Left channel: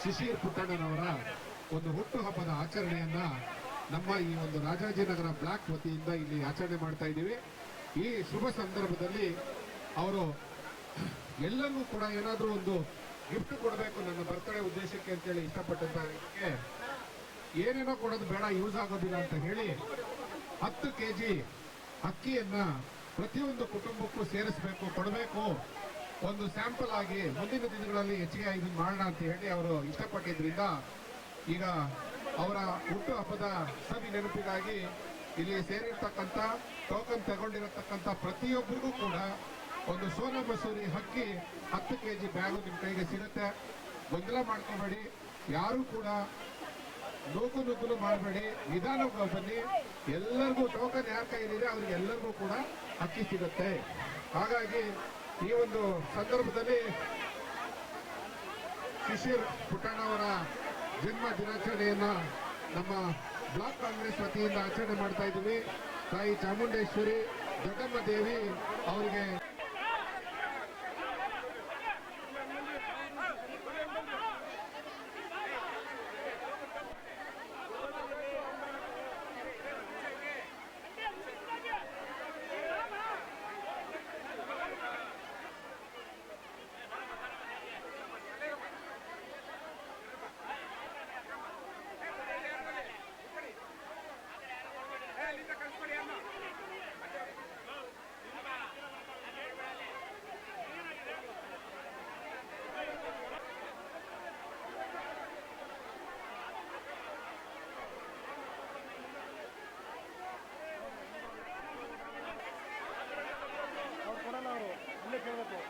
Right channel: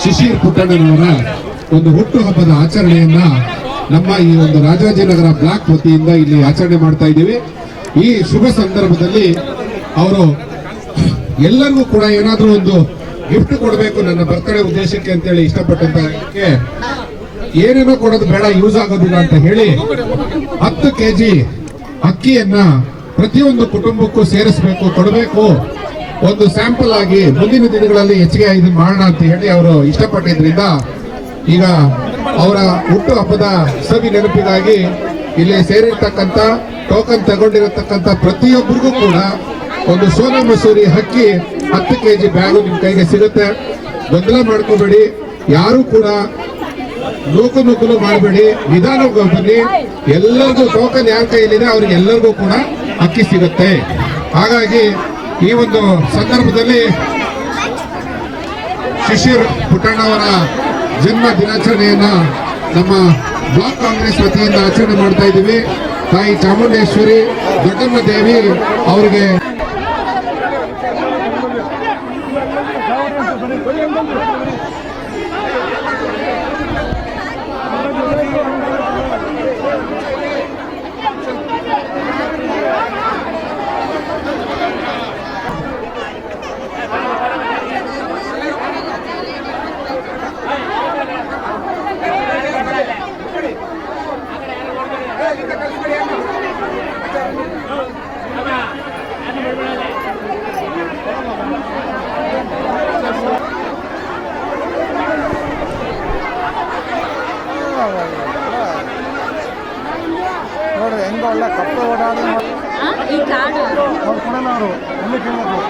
ಪುಟ್ಟಣ್ಣನವರ ಒಂದು ಹುಟ್ಟುಹಬ್ಬದ ಆಚರಣೆಯನ್ನ ನಮ್ಮ ಈ ಒಂದು ರಾಜಾಜಿನಗರ ಬ್ಲಾಕ್ ವತಿಯಿಂದ ಇಲ್ಲಿ ಆಚರಣೆ ಮಾಡ್ತಾ ಇದ್ದೀವಿ. ಈ ಶುಭ ಸಂದರ್ಭದಲ್ಲಿ ಅವರು ಎಲ್ಲರಿಗೂ ಕೂಡ ಏನಾದರೂ ಒಂದು ಗಿಫ್ಟ್ ಕೊಡಬೇಕು ನನ್ನ ಬರ್ತಡೇ ಉದ್ದೇಶಕ್ಕೆ ಅಂತೇಳಿ ಇಷ್ಟಪಟ್ಟಂತ ಇದಕ್ಕೆ ಏನೇನೋ ಕೊಡೋದು ಬೇಡ ಯೂಸ್ ಆಗೋದಿಲ್ಲ ಅಂತ ಹೇಳಿ ಹತ್ತು ಕೆ ಜಿ ಅಕ್ಕಿಯನ್ನ ಪ್ರತಿಯೊಂದು ಕುಟುಂಬಕ್ಕೂ ಸೇರಿಸಬೇಕು, ಕೊಡಬೇಕು. ಒಂದು ಸ್ಯಾಂಪಲ್ ಆಗಿ ಮುಂದಿನ ದಿನಗಳಲ್ಲಿ ಹೆಚ್ಚಿಗೆ ಇದು ಮಾಡೋಣ ಅಂತ ಹೇಳಿ ಅವರು ಇಷ್ಟಪಟ್ಟಿದ್ರಿಂದ ಈಗ ಅವರ ಹುಟ್ಟು ಹಬ್ಬದ ಸವಿ ನೆನಪಿಗಾಗಿ ಇಲ್ಲಿ ಸೇರಿರ್ತಕ್ಕಂಥ ಟೋಕನ್ ತಗೊಂಡಿರತಕ್ಕಂಥ ಪ್ರತಿಯೊಬ್ಬರಿಗೂ ಕೂಡ ಒಂದು ಸೋನಾ ಮಸೂರಿ ಹಕ್ಕಿ ಹತ್ತು ಕೆ ಜಿ ಬ್ಯಾಗು ನಿಮ್ಮ ಕೈಗೆ ಸಿಗುತ್ತೆ. ಗೊಂದಲ ಮಾಡ್ಕೋಬೇಡಿ. ಯಾರು ಕೂಡ ನೂಕು ನೂಕಲು ಮಾಡಬೇಡಿ. ನಿಧಾನಕ್ಕೆ ಬನ್ನಿ. ಎಲ್ಲರಿಗೂ ಟೋಕನ್ ಯಾರ ಕೈಯಲ್ಲಿದೆ ಅವ್ರಿಗೆ ಎಲ್ಲರಿಗೂ ಕೂಡ ಅಕ್ಕಿ ಸಿಗುತ್ತೆ. ಹಾಗಾಗಿ ಈ ಒಂದು ಸಂದರ್ಭದಲ್ಲಿ ಶಿಶಿರ್ ಪುಟ್ಟಣ್ಣವರ ಜನ್ಮ ದಿನಾಚರಣೆಯನ್ನ ನಮ್ಮ ಬ್ಲಾಕ್ ಕಾಂಗ್ರೆಸ್ ವತಿಯಿಂದ ಆಚರಣೆ ಮಾಡ್ತಾ ಇದ್ದೀವಿ. ತಾಯಿ ಚಾಮುಂಡೇಶ್ವರಿ ದೊಡ್ಡಮ್ಮ ದೇವಿ ಅವರಿಗೆ ಈ ನೋಡ್ಕೊಳಲ್ಲ ಅವರು ಎಲ್ಲಿ ಕೇಳಬೇಕು?